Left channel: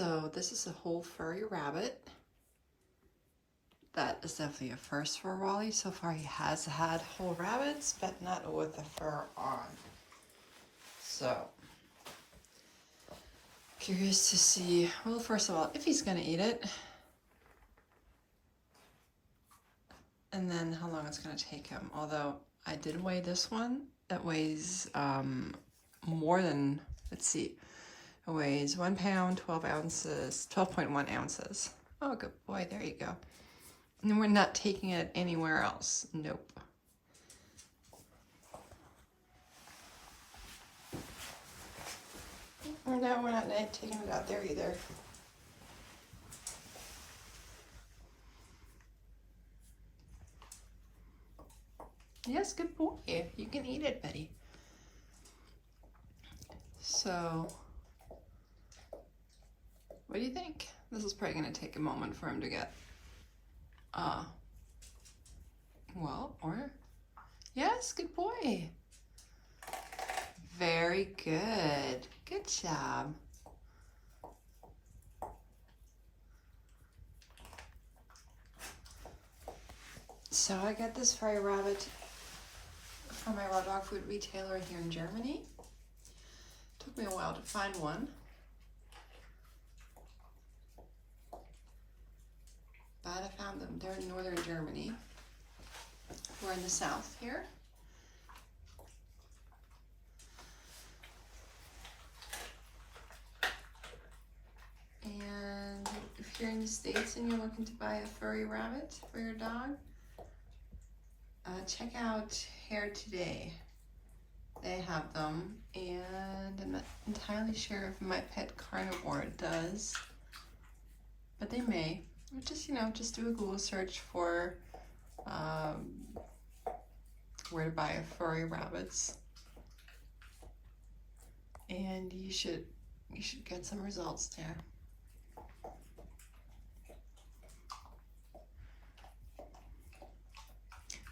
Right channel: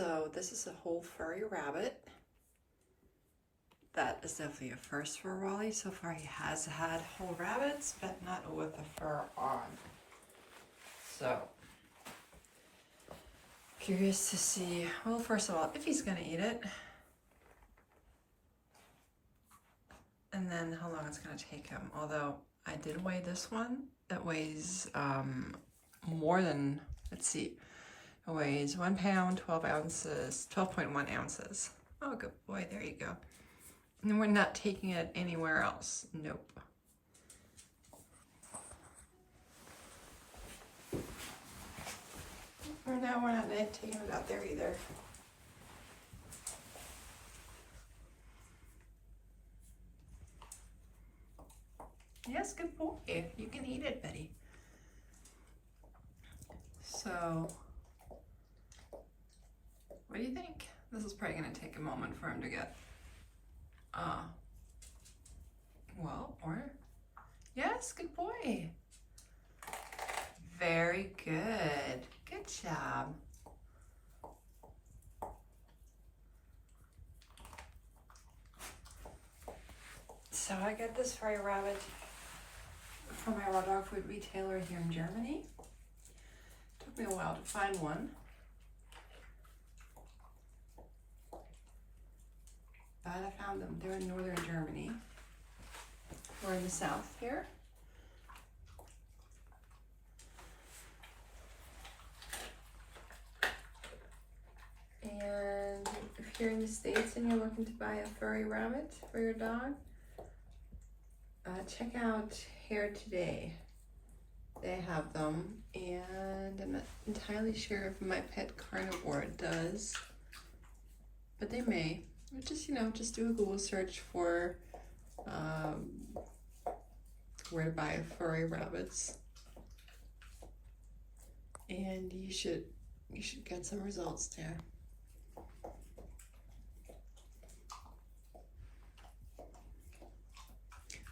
So this is a whole furry rabbit. That is definitely a first for Wally. So far he has had whole rabbits, but not with the fur on. So, curious to see, well, first of all, if he's gonna eat it. And then how long it's gonna take him. Although I did weigh this one. That weighs more than, let's see. It weighs 1 pound, 12 ounces, 12.1 ounces. Oh, good boy, there you go. And we're not taking it anywhere else. Nope. No, we're not taking it out there either. Yes, good boy. You can eat it, Betty. So, what do you think? This is probably going to take a moment for him to get, well, or, yes, good boy. Very good. Good job. So I got this furry rabbit from my raw dog food retailer here in Germany. Took me a while to find one. But I found them. They're in northern Germany. We're in the south here. And if you're in the States and you're looking to buy a furry rabbit for your dog, check out Hair Today. They have them, and I'm not entirely sure if My Pet Carnivore does, but they may. Just, you know, just do a Google search for where to buy furry rabbits, and you should get some results there.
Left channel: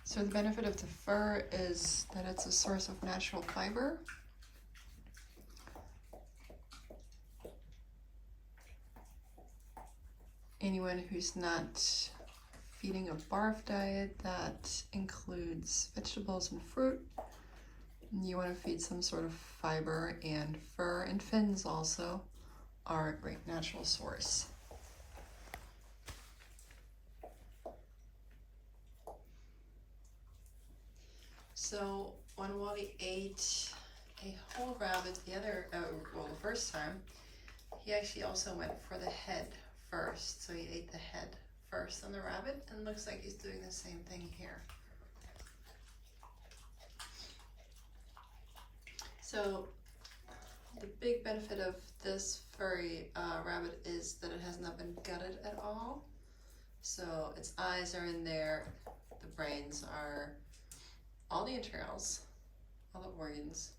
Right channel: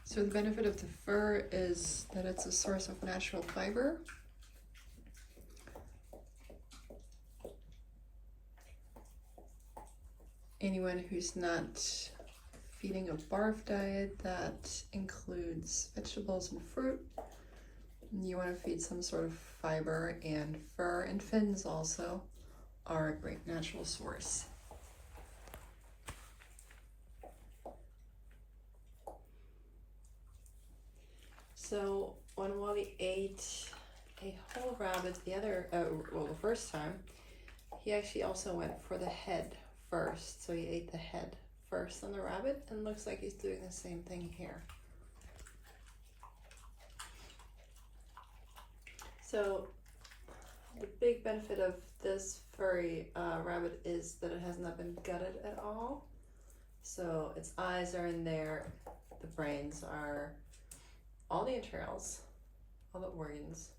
So the benefit of the fur is that it's a source of natural fiber. Anyone who's not feeding a barf diet that includes vegetables and fruit, you want to feed some sort of fiber, and fur and fins also are a great natural source. So when Wally ate a whole rabbit the first time, he actually also went for the head first. So he ate the head first on the rabbit, and looks like he's doing the same thing here. So the big benefit of this furry rabbit is that it has not been gutted at all. So its eyes are in there, the brains are, all the entrails, all the organs.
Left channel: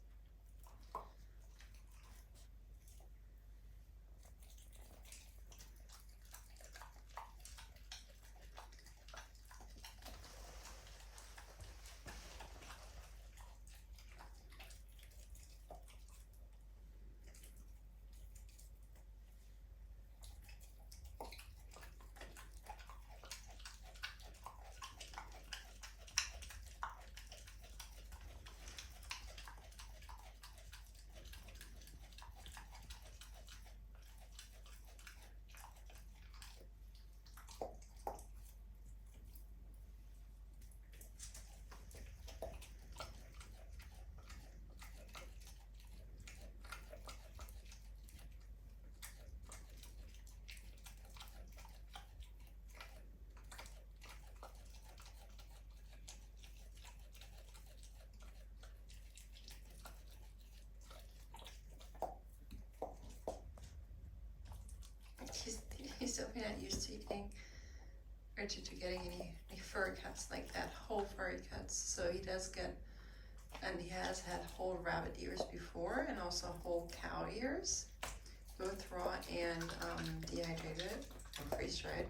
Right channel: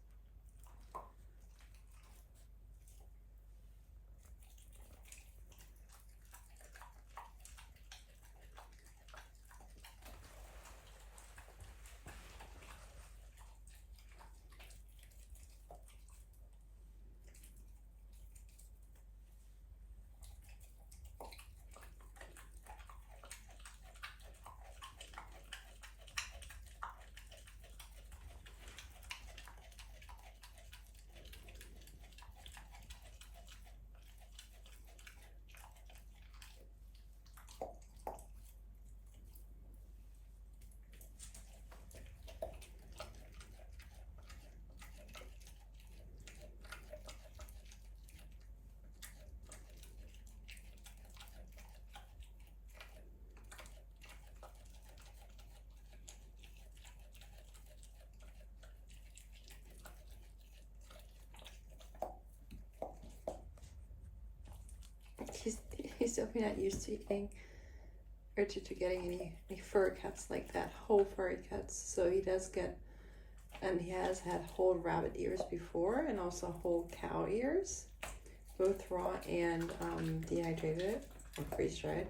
He's definitely not used to eating or to getting any fur cuts like that, whole furry cuts. So he does get, and he has had whole rabbit ears before, and also whole cow ears, both raw and dehydrated and freeze-dried.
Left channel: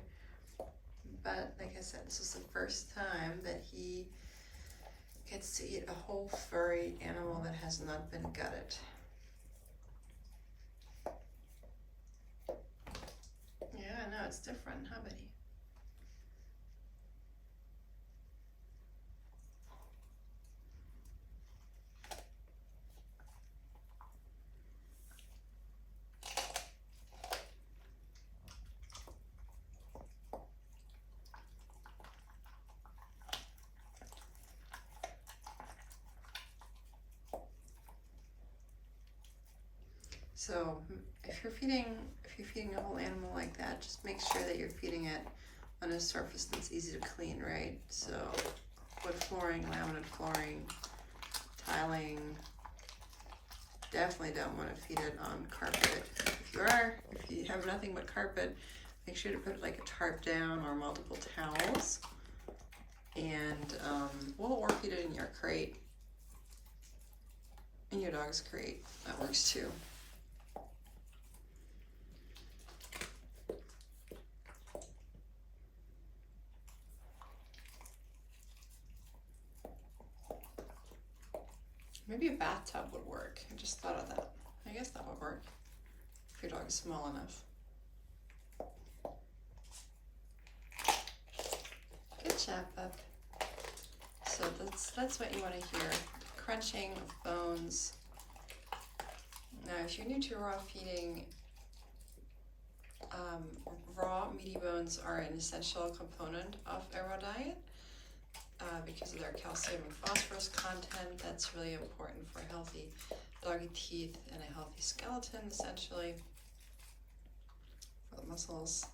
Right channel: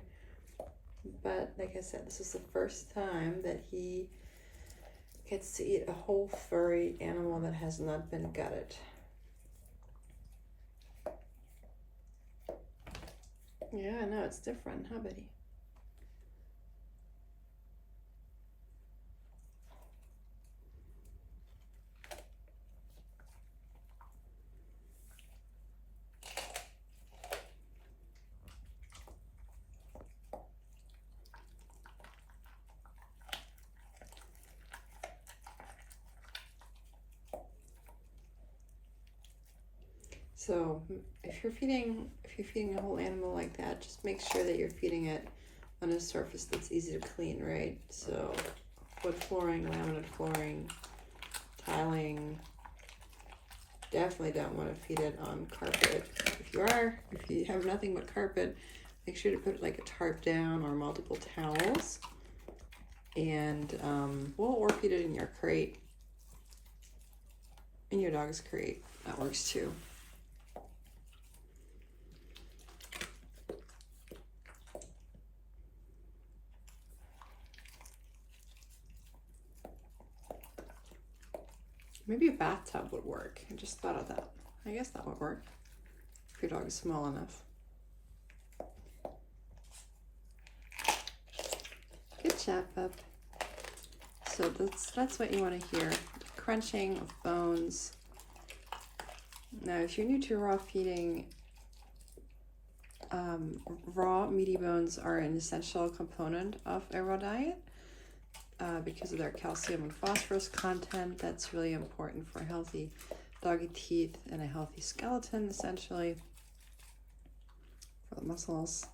But like I said, this is the first time that he gets to eat a whole furry animal that has not been gutted. Yeah, I know, it's different, huh, buddy? So if you're feeding a whole animal like that, just make sure that you're feeding it on a surface that's easy to clean, right? So wood flooring, laminate flooring, tiling. Definitely don't want to feed it on carpet. If you have nothing but carpet, make sure to put like a tarp down or multiple towels. And or feed it in your crate, in your dog's crate. That works too. Maybe a bathtub would work. I just thought of that. I guess that would work if your dog is small enough. Good job, bub. So that's what you want to hear. Crunching of bones. Now, if you're new to raw feeding, raw meaty bones are an essential component of a raw diet. Because of their calcium and phosphorus content. That's really important for healthy doggy teeth and a healthy skeleton, essentially, for the muscles.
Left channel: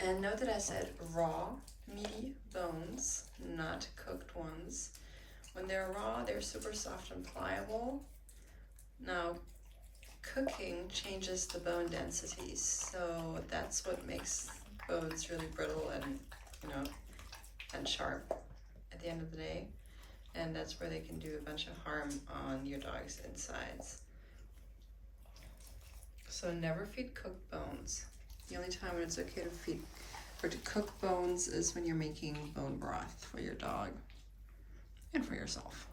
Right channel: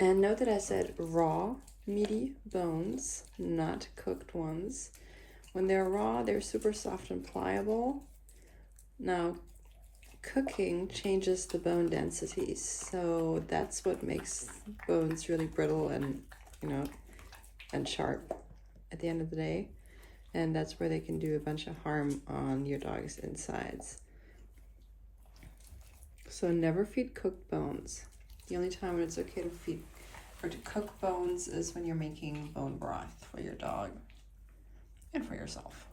And note that I said raw, meaty bones, not cooked ones. When they're raw, they're super soft and pliable. Now, cooking changes the bone density, so that's what makes bones really brittle and, and sharp at the end of the day. And that's where they can do a bunch of harm on your dog's insides. So never feed cooked bones. The only time when it's okay to feed or to cook bones is when you're making bone broth for your dog and for yourself.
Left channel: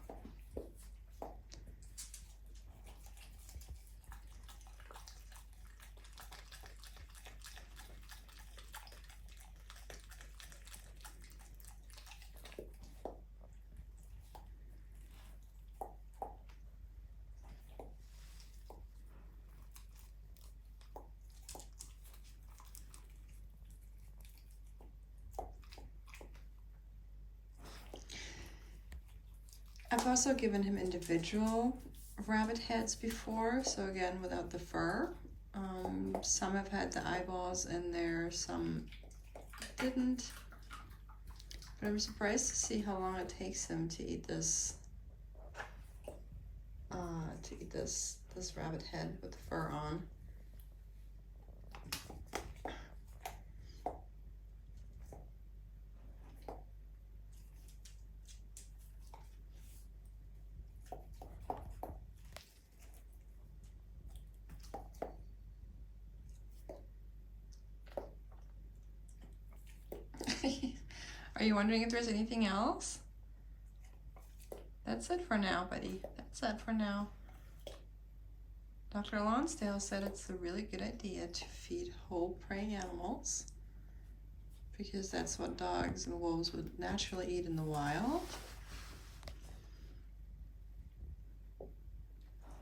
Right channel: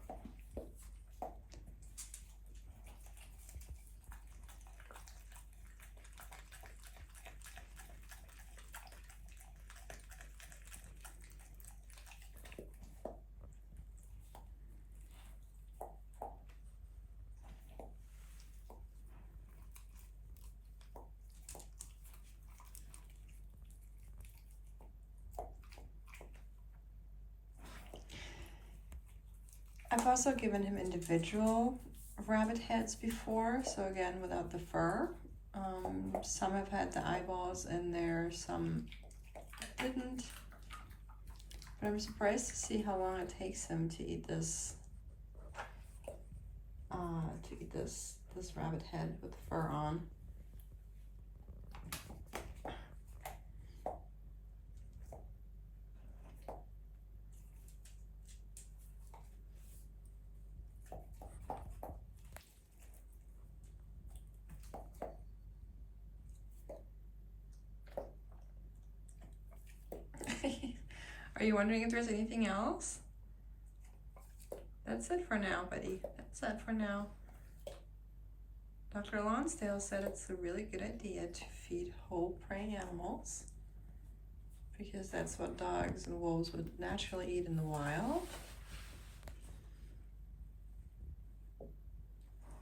I've also given him individual rabbit heads before, so again, without the fur. Some have had the eyeballs in there, some didn't. But I'm surprised to see how long it takes him to eat this, this rabbit head with the fur on. Are you wondering if there's anything else? That's it for now, buddy. That's it for now. Dr. Lonsdale said it's a really good idea to feed whole prey animals because that's what dogs and wolves would naturally eat in the wild.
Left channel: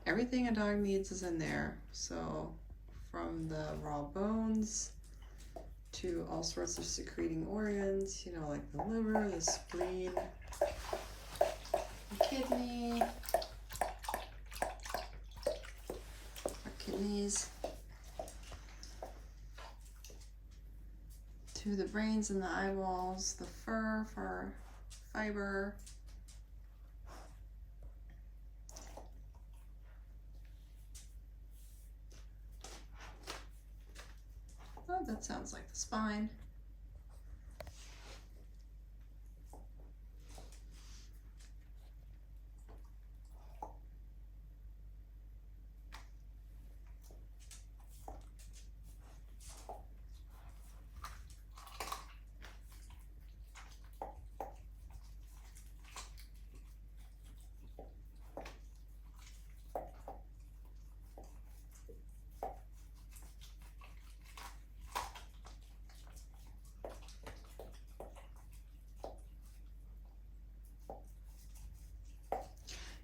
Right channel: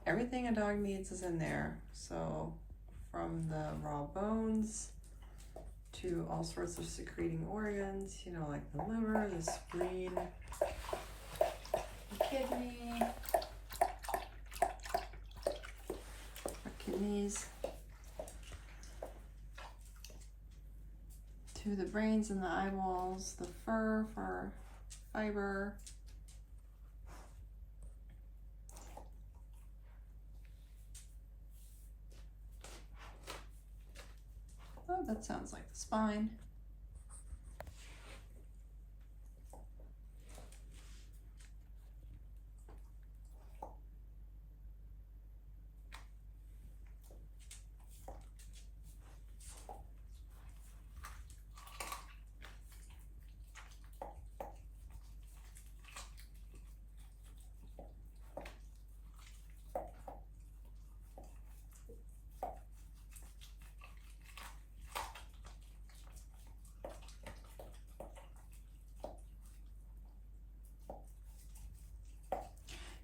Everything a dog needs is in there. So from the raw bones to all sorts of secreting organs, like the liver, the spleen, the kidney, or kidneys, to the brains and the eyeballs, the fur for fiber, oh, that sounds like the spine.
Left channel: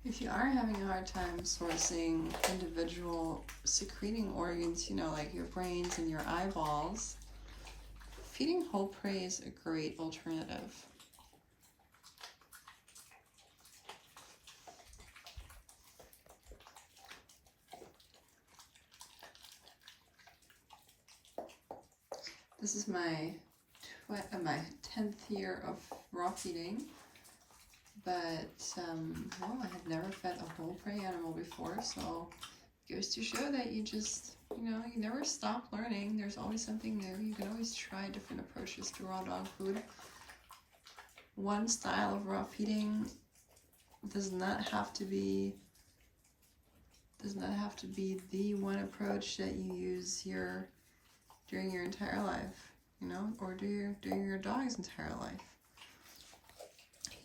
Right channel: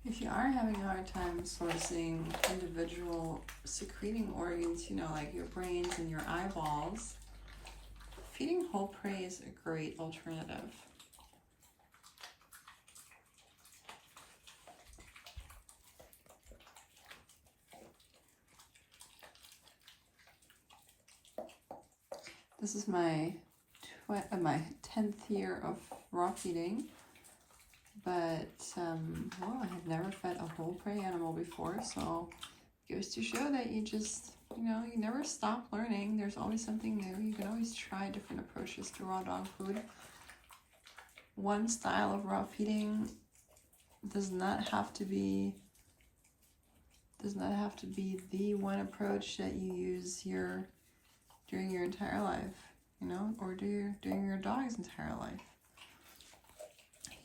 If you are having a hard time sourcing individual secreting organs, you know, like your brains and your eyeballs, feeding whole prey is a great alternative. This is my 10th year of raw feeding, but well, I had never fed a whole prey animal before, so it goes to show that you just, you know, you never stop learning. There's always something new. You can always try different approaches to raw dog food. One style of raw feeding does not have to be the one approach that you use during your entire life, you know, or during your dog's entire life.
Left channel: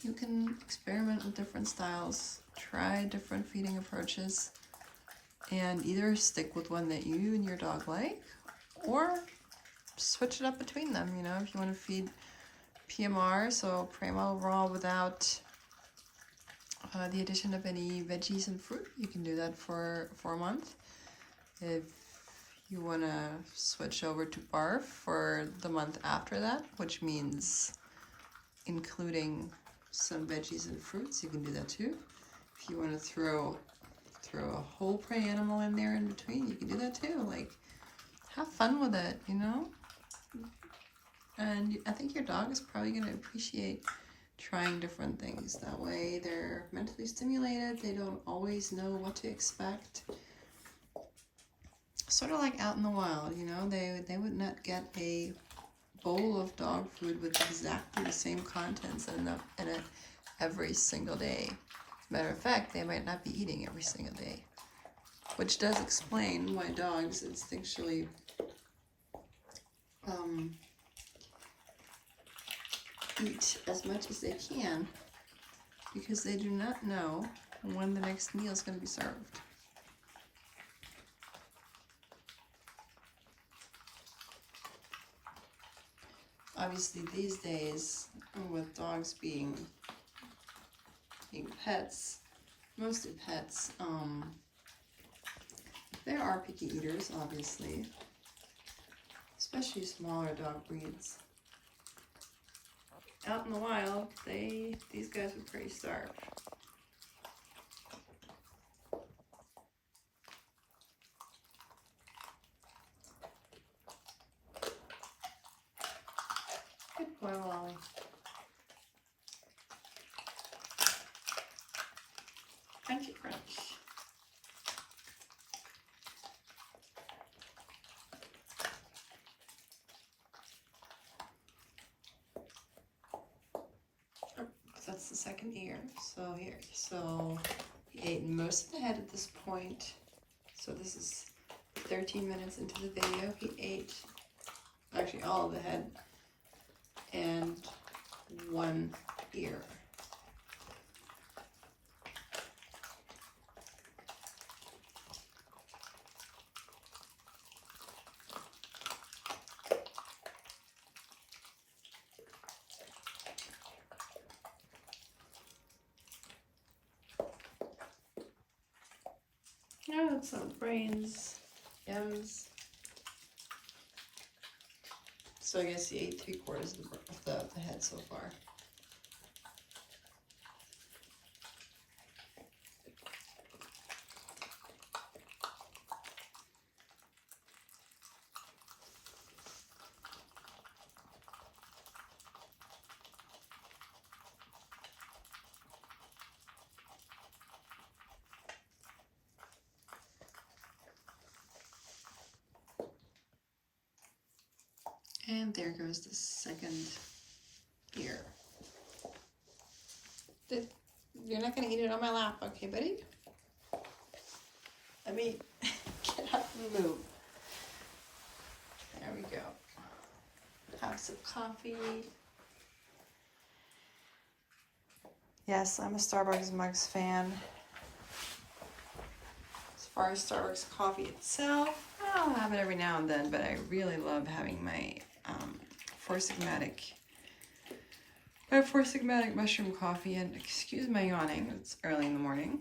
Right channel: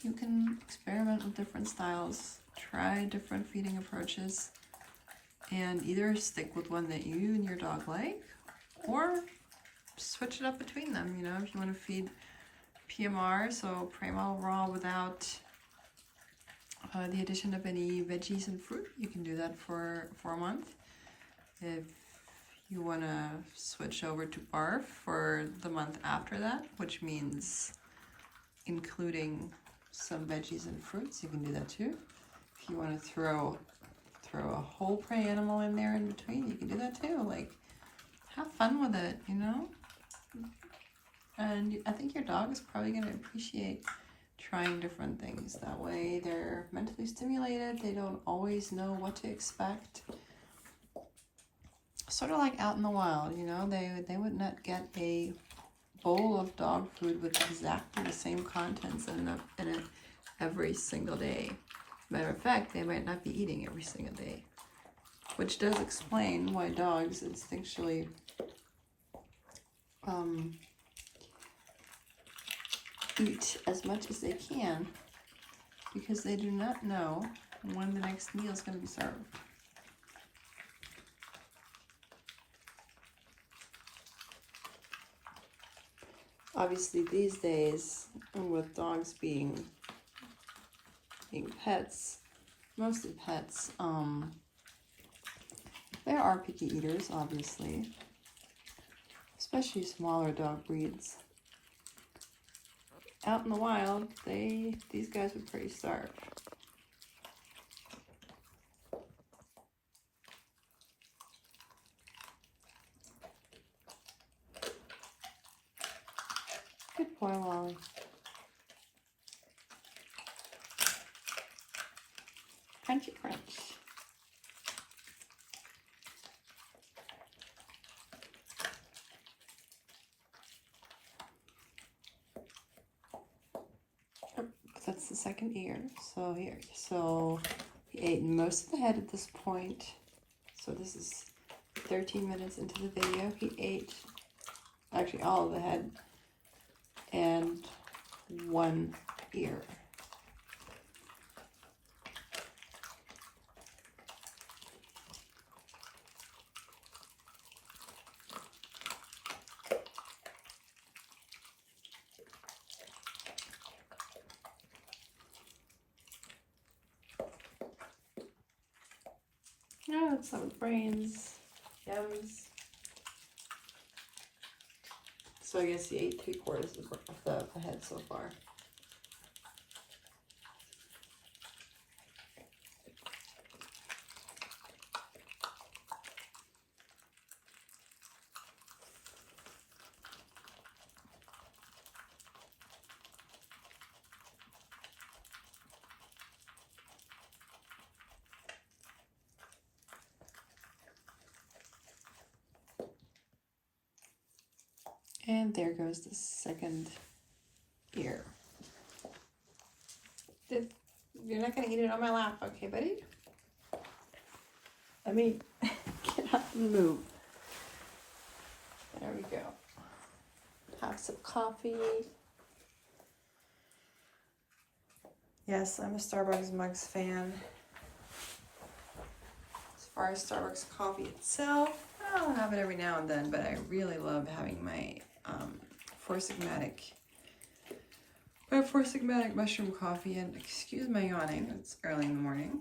You can experiment with different styles, try different feeding approaches, and either stick with one that you and your dog like, or switch it up between them. You know, if you want to feed PMR, so primo raw without the addition of any veggies and fruit, you can do that for a month. If you want to switch over to barf for the month after that, which means including some veggies and fruits, you can do that too. If you want to throw a whole prey animal in there in between, you can do that too. Like, have fun with it, you know? And I think your dog is probably going to appreciate trying different things. That way they're mentally stimulated, they don't always know what to expect. Sort of like out in the wild, you know, they would not get a bowl of dog food with exactly the same contents in it every single day. Matter of fact, they might not be eating every single day, which does explain why dogs instinctually eat as much as they can, because they do not know when the next meal is going to be served. Obviously these days, with dogs being pets, mostly pets, there are picky eaters, obviously, especially smaller dog breeds. Out in the wild, these guys are pretty starved. Good boy, Wally. Thank you, French. That's the second ear. So here, so he ate most of the head at this point. So this is 13 minutes into the video. He ate actually all of the head and one ear. Oh, that's some brains, yums. So I guess he ate 3/4 of the head so far. And there goes the second ear. You're not going to eat it on my lap, okay, buddy? Let me get up and move. There we go. Have some coffee. Yes, I'm a Starbucks mugs fan. As far as Starbucks coffee itself, I'll have it every now and then, but I really love having my Four Sigmatic I have 4 Sigmatic mushroom coffee, and excuse my yawning, it's early in the morning.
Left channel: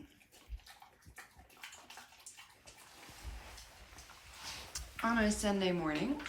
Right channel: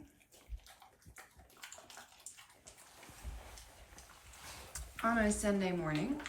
On a Sunday morning.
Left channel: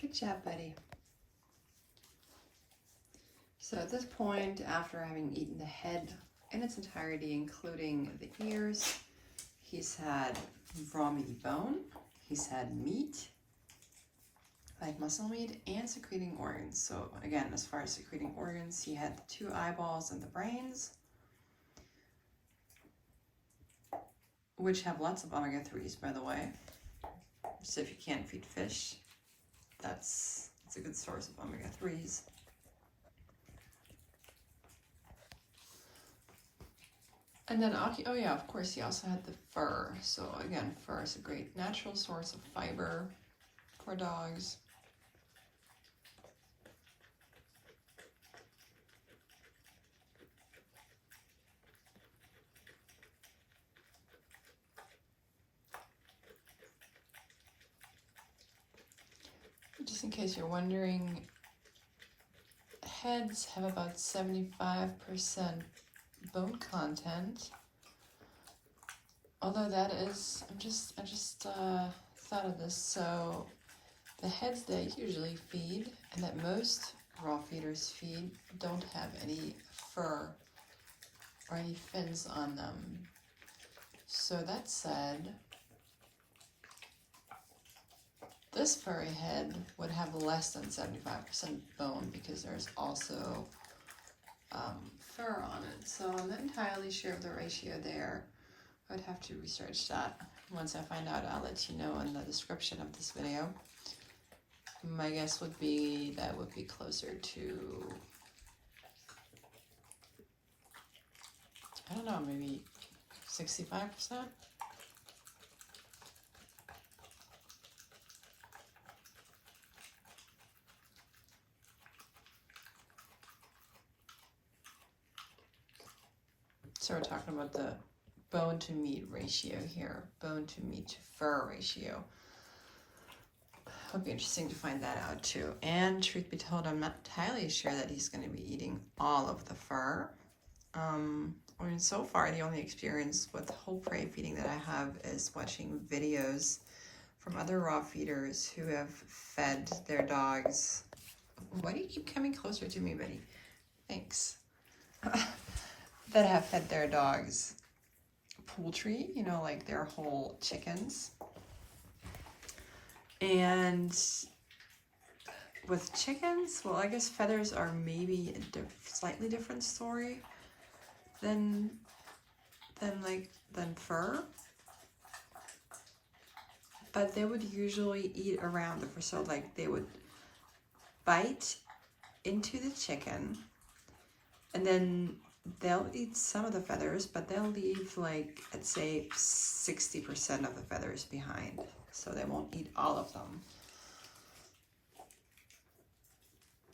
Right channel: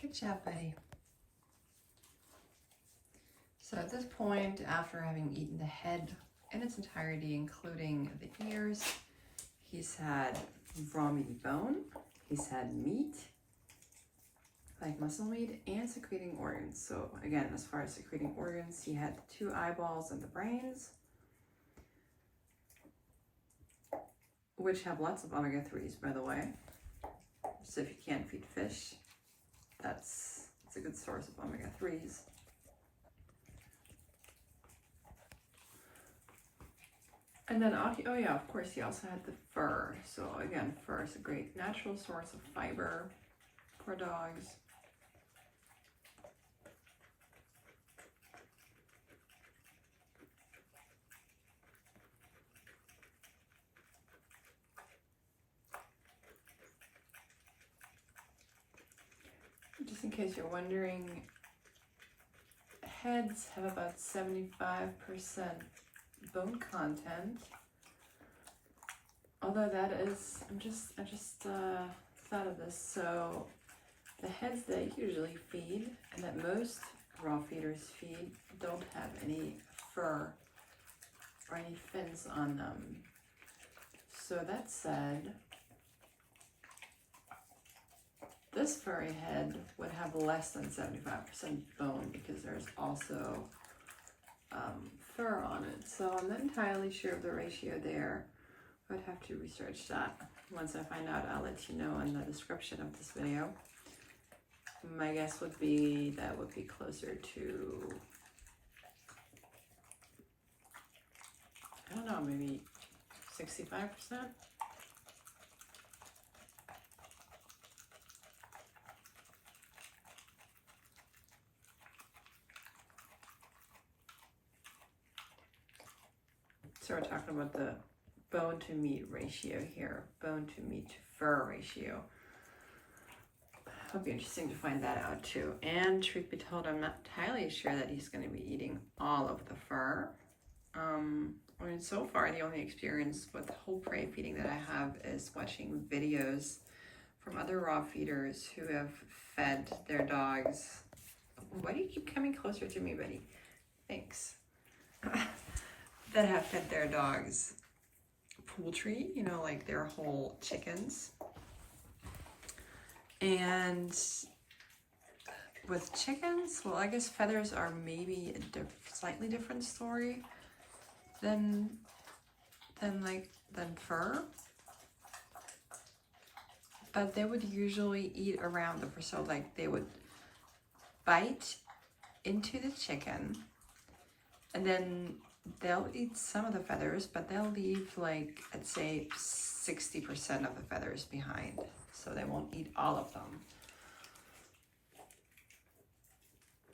Good job, buddy. So at this point, after having eaten the head in its entirety, including the ears, he's had raw meaty bone, he's had meat, like muscle meat, and secreting organs. So again, as far as secreting organs, he had the 2 eyeballs and the brains, which have lots of omega-3s, by the way. So if you can't feed fish, it's a good source of omega-3s. And then, oh yeah, of course, he also had the fur. So again, fur is a great natural source of fiber for dogs. Just in case you're wondering, heads have about 75% bone content. Although that is, I just thought of this. So the heads they usually feed, and that most raw feeders feed, don't have any fur or any fins on them. So that said, this furry head would have less than 75% bone because there's also fur on it. So I'm not entirely sure of the ratio there. I'd have to research that. Once I find out, I'll let you know in the description of this video. My guess would be that would be closer to, I don't know, maybe 65%? So we're talking about the bone to meat ratio here, bone to meat to fur ratio. It'll be interesting to find that out too. And truth be told, I'm not entirely sure that he's going to be eating all of the fur. I mean, so far the only experience with whole prey feeding that I have is watching videos from other raw feeders who have fed their dogs. Why do you keep coming closer to me, buddy? Thanks. That have fed their dogs poultry, you know, like their whole chickens. And with chickens, well, I guess feathers are maybe a slightly different story than fur. But they would usually eat around the fur, so like they would bite into the chicken, and then they'll eat some of the feathers, but they'll leave, like, I'd say 60% of the feathers behind. So they won't eat all of them.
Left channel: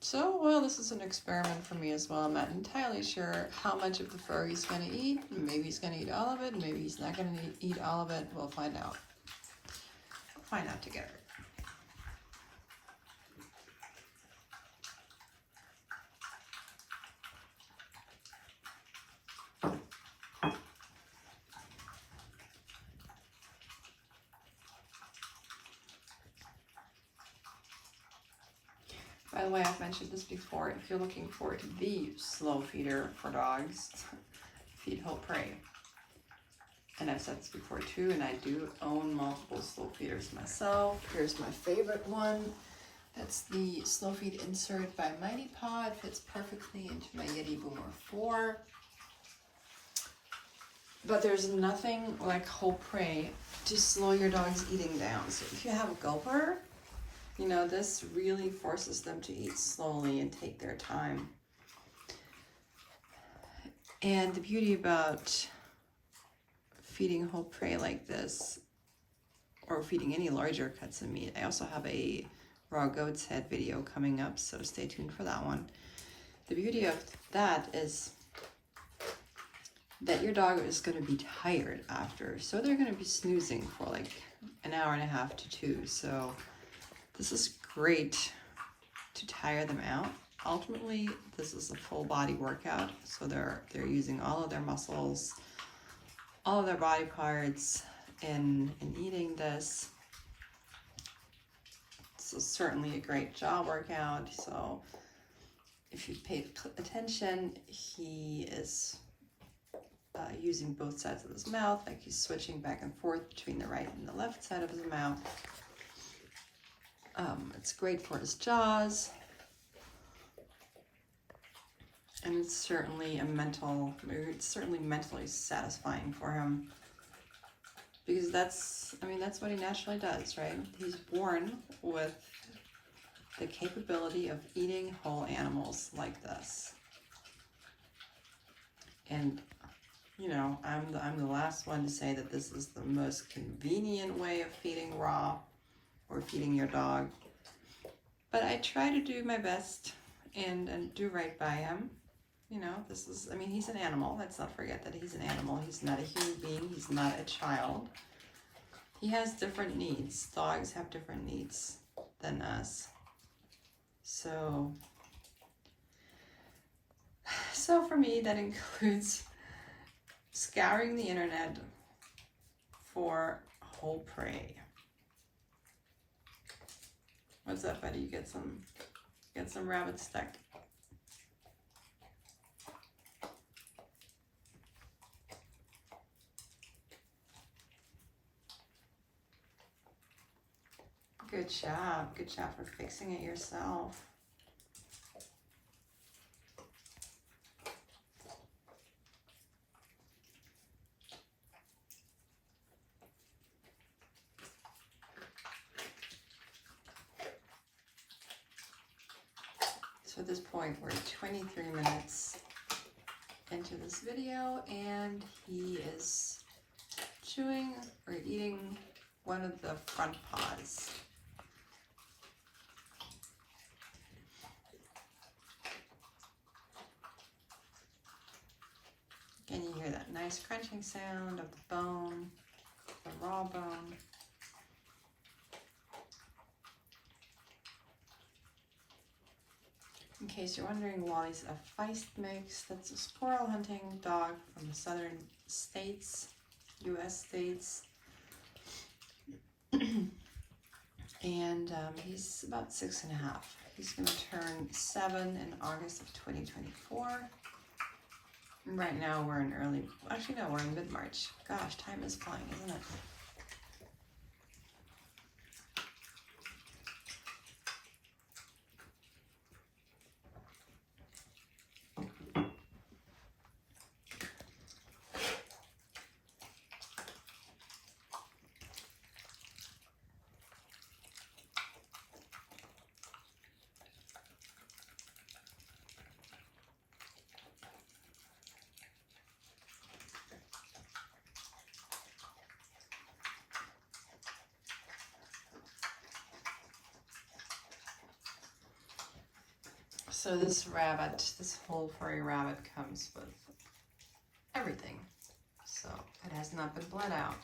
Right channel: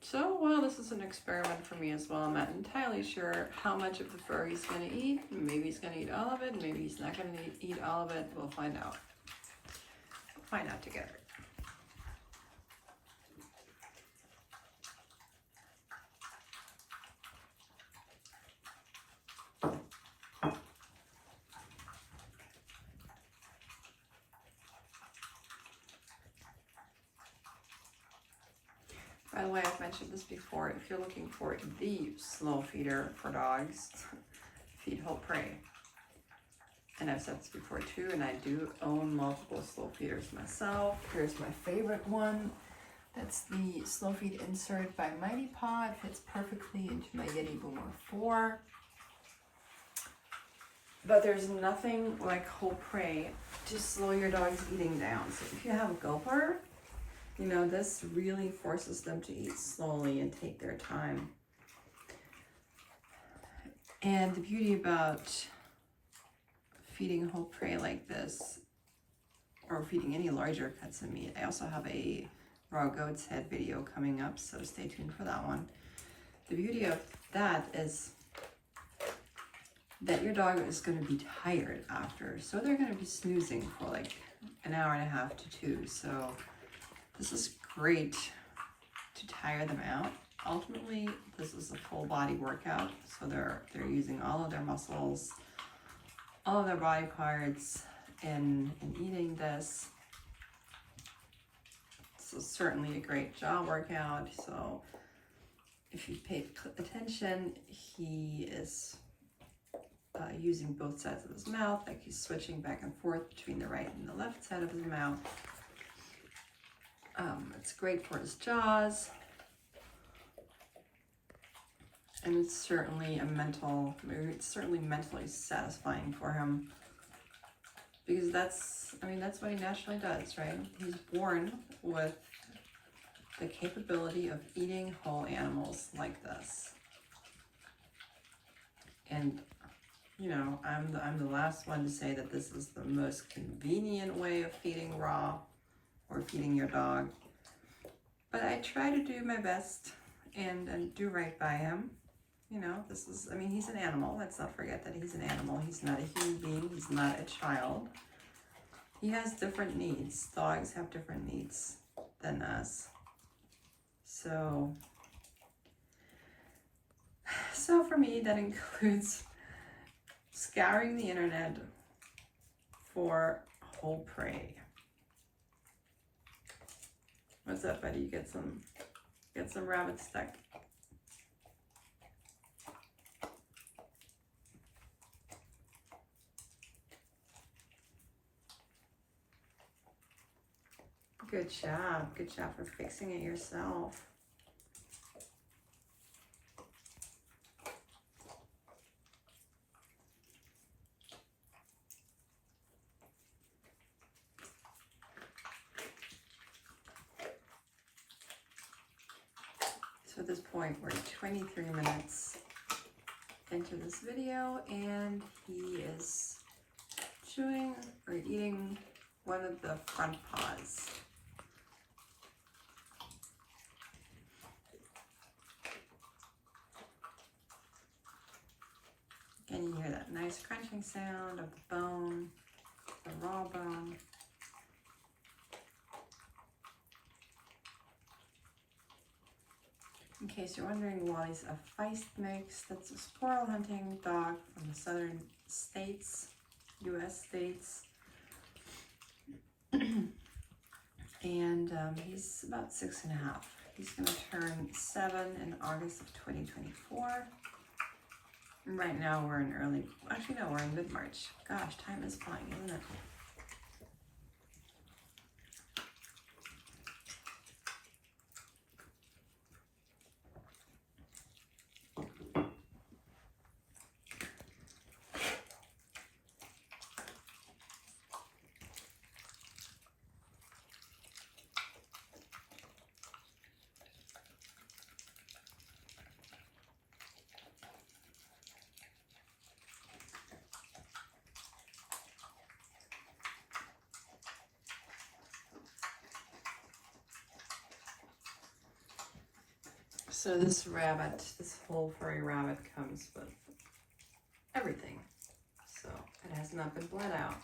So, well, this is an experiment for me as well. I'm not entirely sure how much of the fur he's going to eat. Maybe he's going to eat all of it. Maybe he's not going to eat all of it. We'll find out. We'll find out together. By the way, I've mentioned this before, if you're looking for the slow feeder for dogs, feed whole prey. And I've said this before too, and I do own multiple slow feeders myself. Here's my favorite one. That's the Slow Feed insert by Mighty Paw. It fits perfectly into my Yeti Boomer 4. But there's nothing like whole prey to slow your dog's eating down. So if you have a gulper, you know, this really forces them to eat slowly and take their time. And the beauty about feeding whole prey like this, or feeding any larger cuts of meat, I also have a raw goat's head video coming up, so stay tuned for that one. The beauty of that is that your dog is going to be tired after, so they're going to be snoozing for like an hour and a half to 2. So this is great to tire them out. Ultimately, this is a full body workout, so they're using all of their muscles, all of their body parts in eating this. So certainly a great jaw workout. So if you paid attention, he is using both sides of his mouth, like he's switching back and forth between the right and the left side of his mouth. It's great for his jaws. And it's certainly it's certainly mentally satisfying for him, because that's what he naturally does, right? He's born with the capability of eating whole animals like this. And, you know, I'm the last one to say that this is the most convenient way of feeding raw or feeding your dog. But I try to do my best and do right by him. You know, this is, he's an animal. Let's not forget that he's an animal. He's not a human being. He's not a child. He has different needs. Dogs have different needs than us. So for me, that includes scouring the internet for whole prey. What's up, buddy? You get some rabbit stuck. Good job. Good job for fixing it yourself. So at this point, we're 23 minutes into this video, and he is chewing or eating one of the front paws. Again, you hear that nice crunching sound of the bone, the raw bone. In case you're wondering, Wally's a Feist mix. That's a squirrel hunting dog from the southern states, U.S. states. And he's about 6.5. He's going to turn 7 in August of 2024. Right now we're in we're in mid-March. Gosh, time is flying, isn't it? So this whole furry rabbit comes with everything. So it has not been bled out.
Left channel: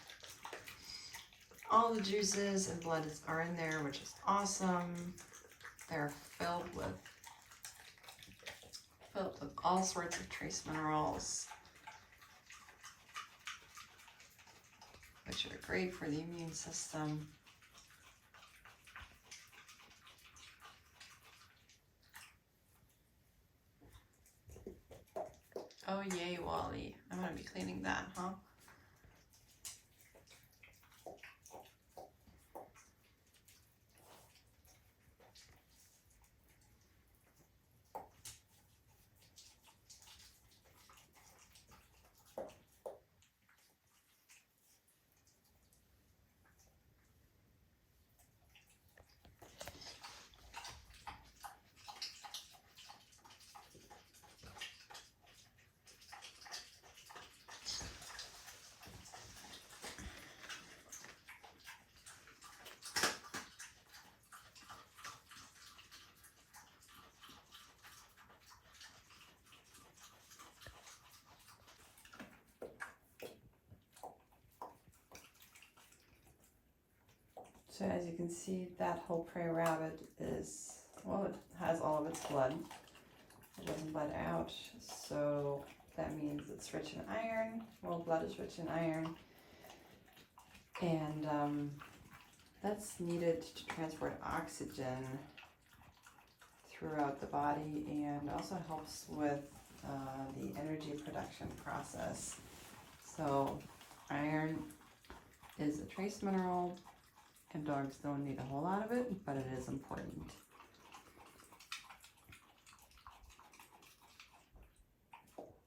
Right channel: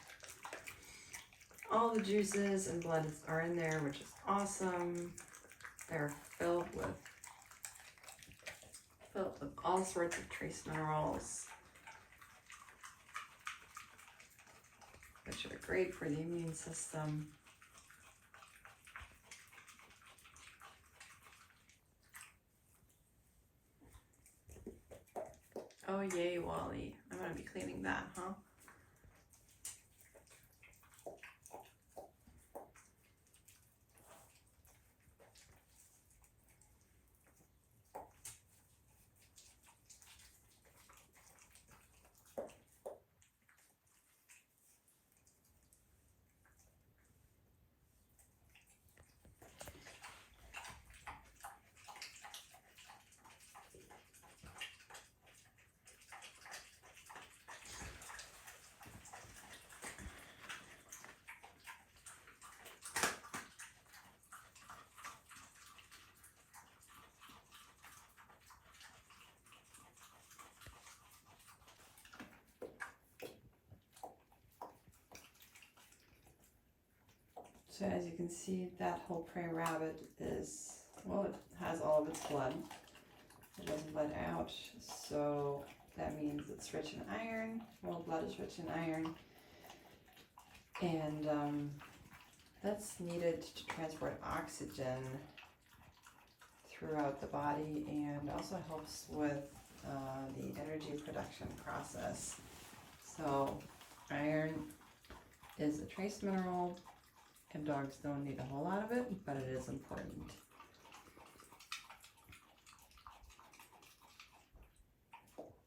All the juices and blood are in there, which is awesome. They're filled with all sorts of trace minerals, which are great for the immune system. Oh yay, Wally. I'm gonna be cleaning that, huh? So as you can see, that whole prey rabbit is, well, it has all of its blood. It doesn't bled out, so that means it's rich in iron. Whole blood is rich in iron. And that's needed to transport oxygen throughout the body, and also helps with the energy production process. So iron is a trace mineral, and dogs don't need a whole lot of it, but it is important.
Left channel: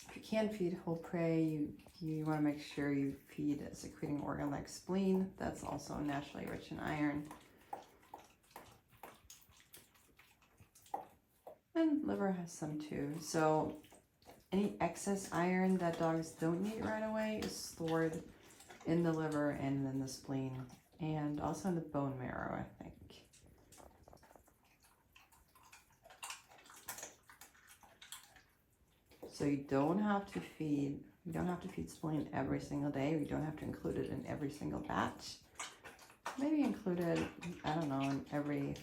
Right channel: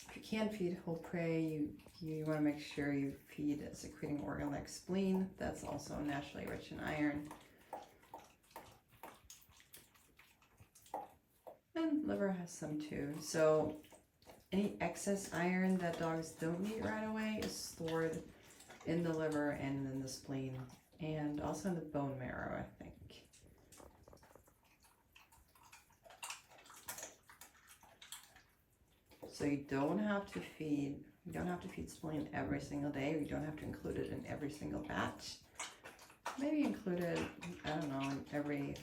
If you can't feed whole prey, you want to make sure you feed a secreting organ like spleen. That's also naturally rich in iron. And liver has some too. So any excess iron that dogs don't need right away is stored in the liver and in the spleen, and also in the bone marrow, I think. So you don't have to feed spleen every single day. You don't have to include it in every single batch. Maybe include it, I don't know, in every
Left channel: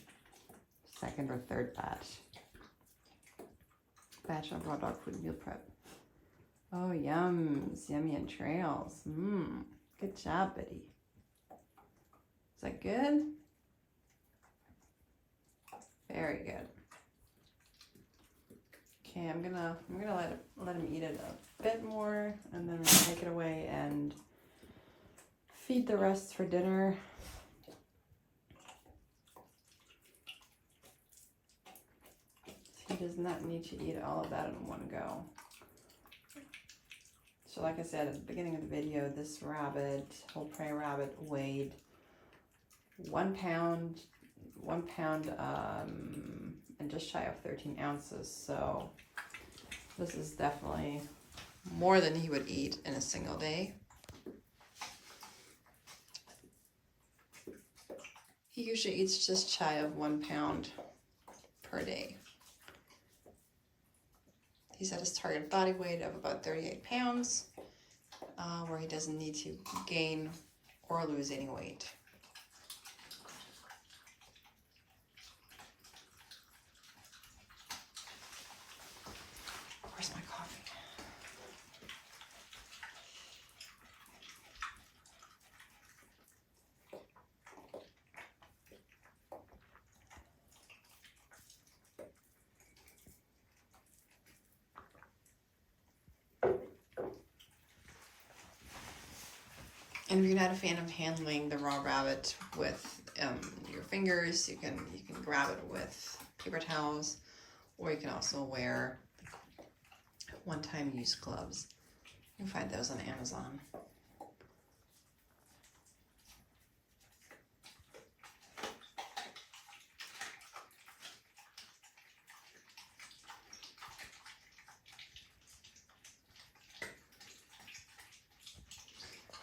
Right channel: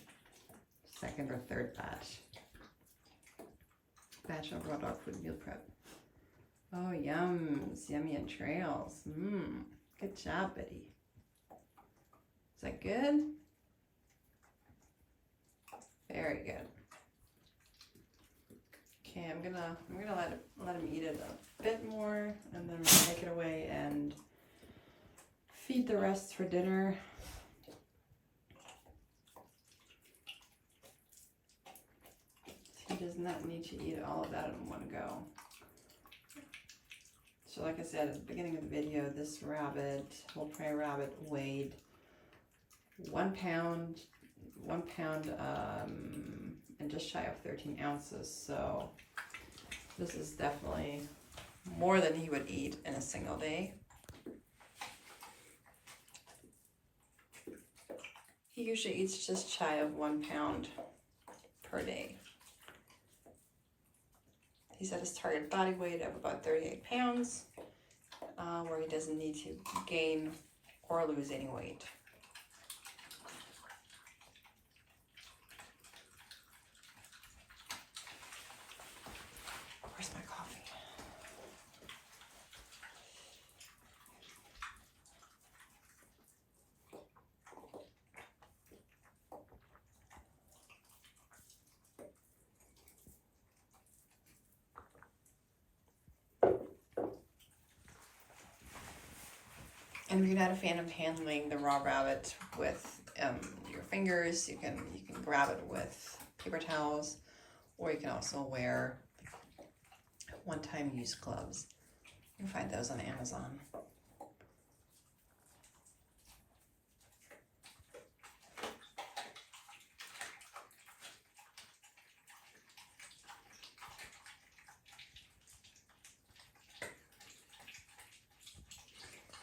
second or third batch of raw dog food meal prep. Oh, yums, yummy entrails. Good job, Betty. Is that good? Very good. Okay, I'm gonna let him eat it a bit more, and then we'll take it away and feed the rest for dinner. He does not need to eat all of that in one go. So like I said at the beginning of the video, this rabbit, whole prey rabbit, weighed 1 pound, and just shy of 13 ounces. So this is definitely more than he would eat in a single day. He usually eats just shy of 1 pound per day. He's at his target body weight of about 38 pounds, where he doesn't need to gain or lose any weight. Where's my coffee? And if you're not a fan of handling the raw rabbit with your fingers, you can grab it with paper towels, or you can also wear one-time use gloves. You can find those on Amazon.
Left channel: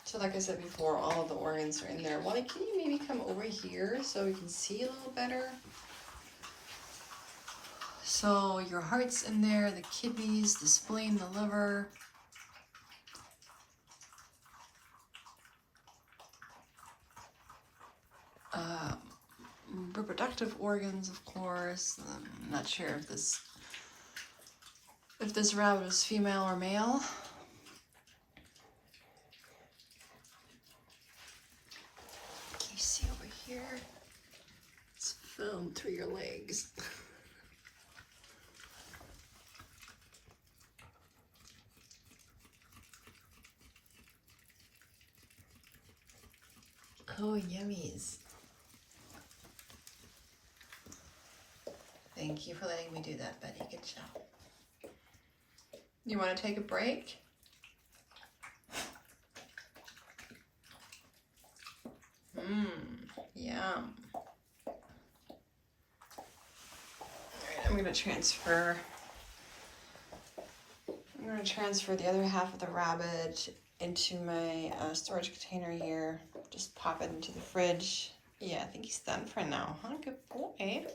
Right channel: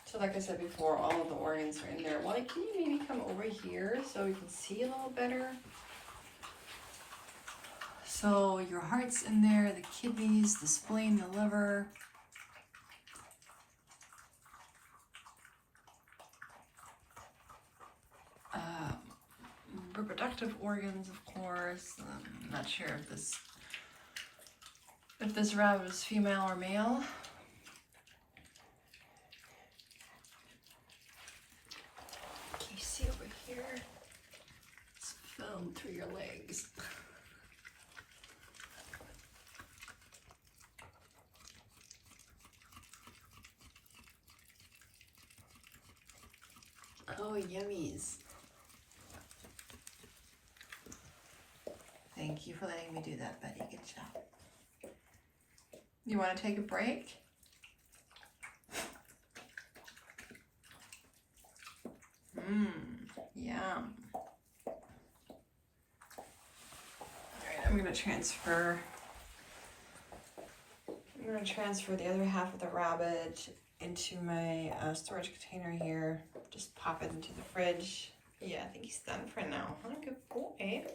So like I said before, all of the organs are in there. Wally, can you maybe come over here so we can see a little better? So your heart's in there, the kidneys, the spleen, the liver. Reproductive organs, of course. I'm not sure if this rabbit is female or male. You see over here, it's filmed through your legs. Oh, yummies. Thank you for letting me do that, Betty. Good job. You want to take a break? Yum. Alright, I'm gonna transfer the other half of the rabbit into my storage container here. Just pop it into the fridge. Yeah, I think he's done for now, huh? Good boy.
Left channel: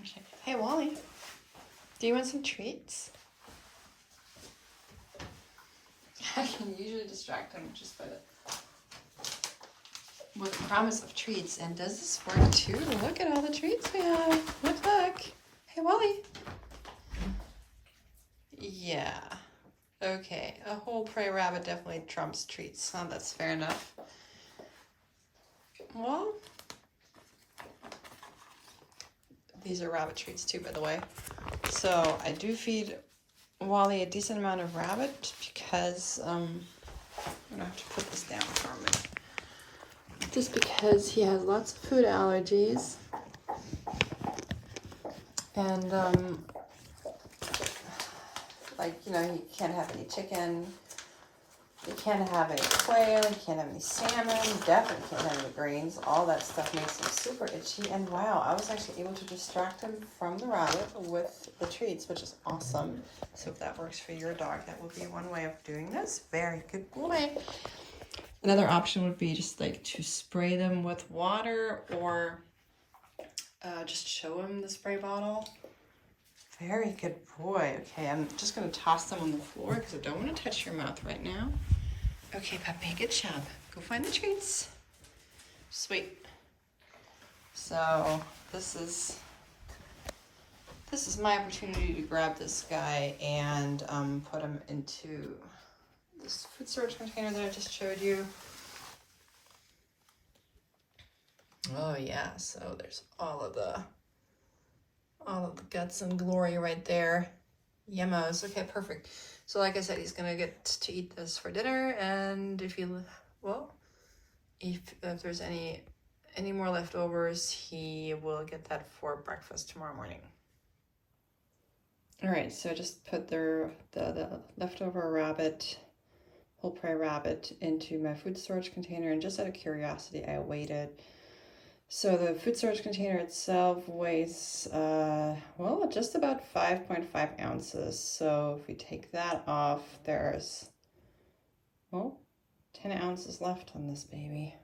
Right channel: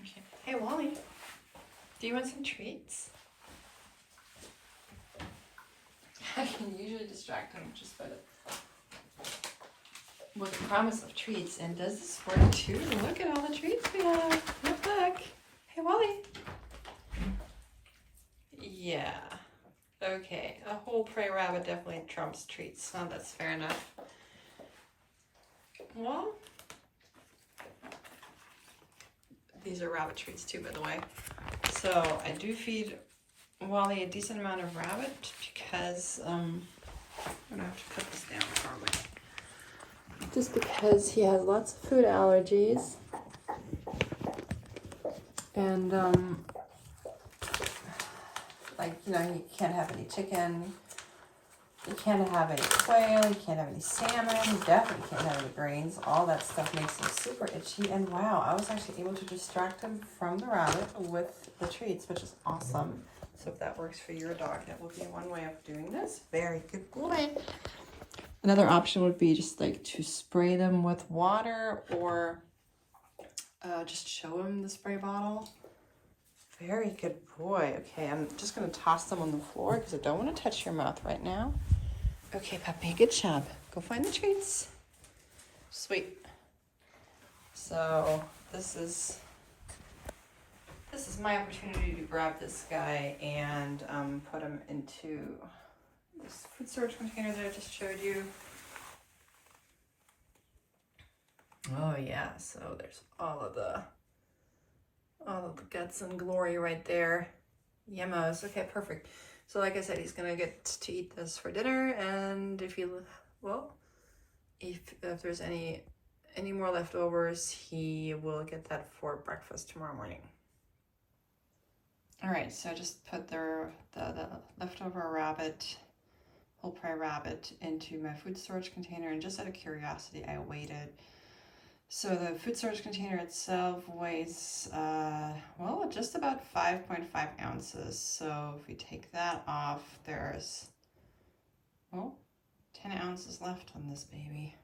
Okay. Hey, Wally, do you want some treats? I can usually distract him just by with the promise of treats. And does this work too? Look at all the treats we have. Look, look. Hey, Wally. Yeah. Okay, a whole prey rabbit definitely trumps treats. Oh, that's fair enough. Well, these are rabbit treats too, by the way. So I do feed Wally a decent amount of rabbit because I'm gonna have to put this down for a minute. Just because he has lots of food allergies, and like, you know, he can't have any chicken, he can't have any quail, he can't have any salmon, he definitely can't have any grains. All that stuff makes him super itchy. And wow, I was actually able to distract him from the rabbit with the treats, which is awesome. So if that works for your dog, that would be one way of doing this. Very good boy. Another option would be just like to spray them with water, or just show him the spray bottle. Very good boy. Okay, I'm just going to toss them on the floor because I don't want to touch your mouth right now. Okay, puppy, good job. Go find the treats. Sweet. So this is my opportunity to grab this guy and put him into this food storage container that I just showed you. Oh yeah, so there's all of the guts and glory right there. Yumos. Okay, perfect. So like I said, he's gonna get to eat this for dinner, and if there's any more leftovers, he will get that for breakfast tomorrow morning. All right, so just put the leftover rabbit, whole prey rabbit, into my food storage container, and just out of curiosity, I weighed it. So the food storage container itself weighs, well, just about 5.5 ounces. So if we take that off, there's, well, 10 ounces left on this baby.